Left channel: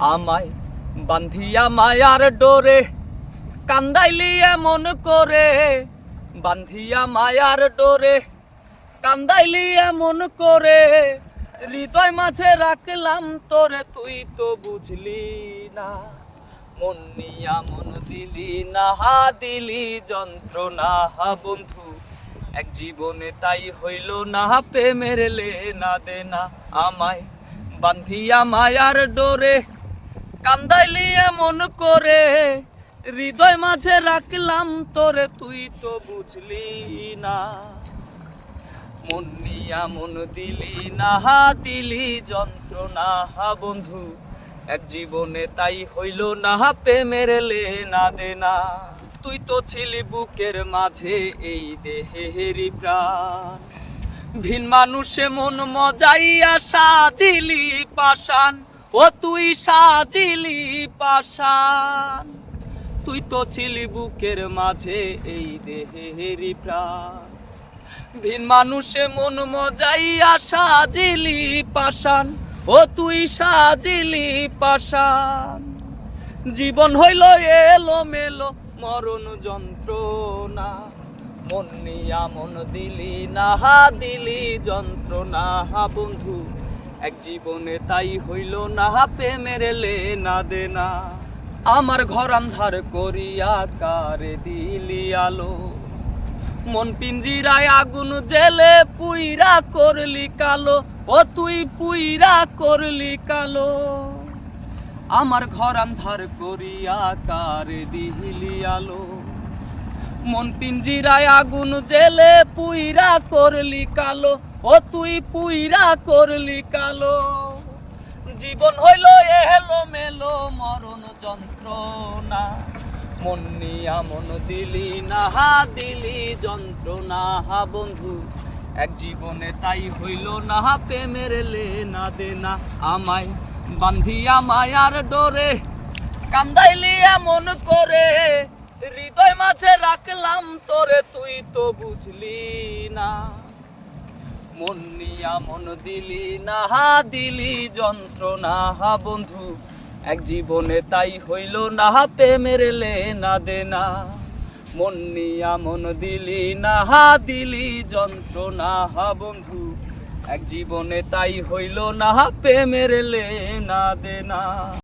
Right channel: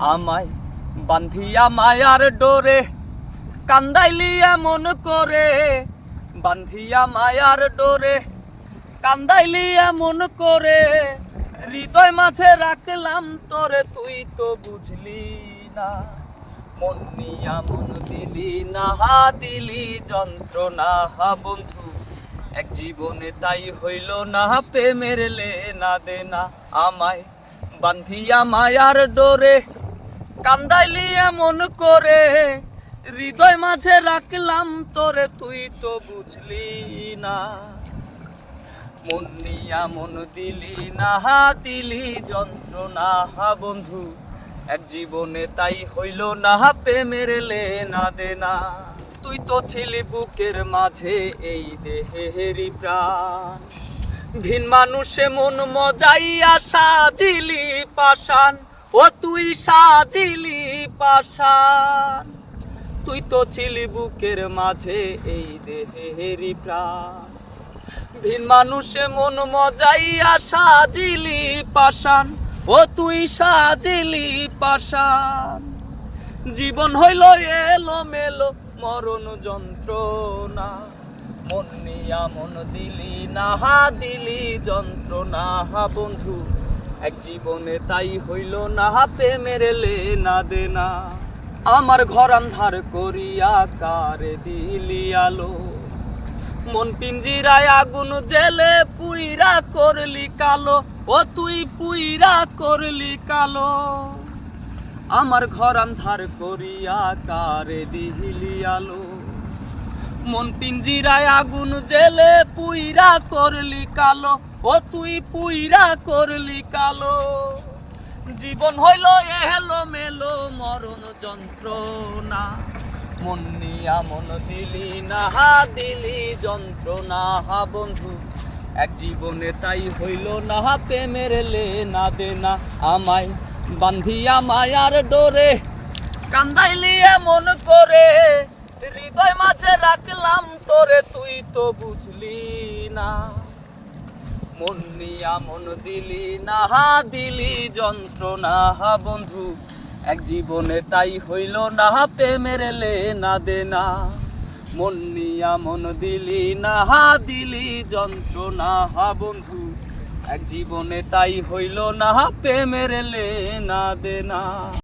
আমায় বান্ধিয়া মায়ার ডোরে, কান্দাইলি এমন করে। বান্ধিয়া মায়ার ডোরে, কান্দাইলি এমন করে। হৃদয় মাঝে রাখলাম তোরে, তুই তো বুঝলি না। মন মিয়া মন দিলি না, হা দিলি যন্ত্রণা, হা বন্ধু। এক জীবনে তাই হইল না, প্রেমের লে না দে না আমায় বান্ধিয়া মায়ার ডোরে কান্দাইলি এমন করে, হৃদয় মাঝে রাখলাম তোরে, তুই তো বুঝলি না। মন নিয়া মন দিলি না দিলি যন্ত্রণা। বন্ধু, এক জীবনে তাই হইল না, প্রেমের লে না দে না তুই তো ছিলি বুকের মাঝে এই দেহেরি প্রাণ। ভিন মানুষে মন মজাইয়া সাজিলি পাশান ও তুই সাজিলি পাশান তুই তো ছিলি বুকের মাঝে এই দেহেরি প্রাণ। ভিন মানুষে মন মজাইয়া সাজিলি পাশান ও তুই সাজিলি পাশান জীবন হইল এলো মেলো মরণ যন্ত্রণা, মন নিয়া মন দিলি না দিলি যন্ত্রণা। বন্ধু এক জীবনে তাই হইল না, প্রেমের লে না দেনা। আমার ঘর আন্ধার করিয়া কারে দিলি আলো। মন পিঞ্জিরায় আগুন জেলে পুইরা করলি কালো। ও তুই পুইরা করলি কালো। আমার ঘর আন্ধার করিয়া কারে দিলি আলো। মন পিঞ্জিরায় আগুন জেলে পুইরা করলি কালো। ও তুই পুইরা করলি কালো। জীবন হইল এহেলো মেলো মরণ যন্ত্রণা। মন নিয়া মন দিলি না হা দিলি যন্ত্রণা। হা বন্ধু, এক জীবনে তাই হইল না, প্রেমের লে না দে না আমায় বান্ধিয়া মায়ার ডোরে কান্দাইলি এমন করে। হৃদয় মাঝে রাখলাম তোরে, তুই তো বুঝলি না। মন নিয়া মন দিলি না হা দিলি যন্ত্রণা। বন্ধু, এক জীবনে তাই হইল না, প্রেমের লে না দে না মন নিয়া মন দিলি না হা দিলি যন্ত্রণা। হা বন্ধু, এক জীবনে তাই হইল না, প্রেমের লে না দে না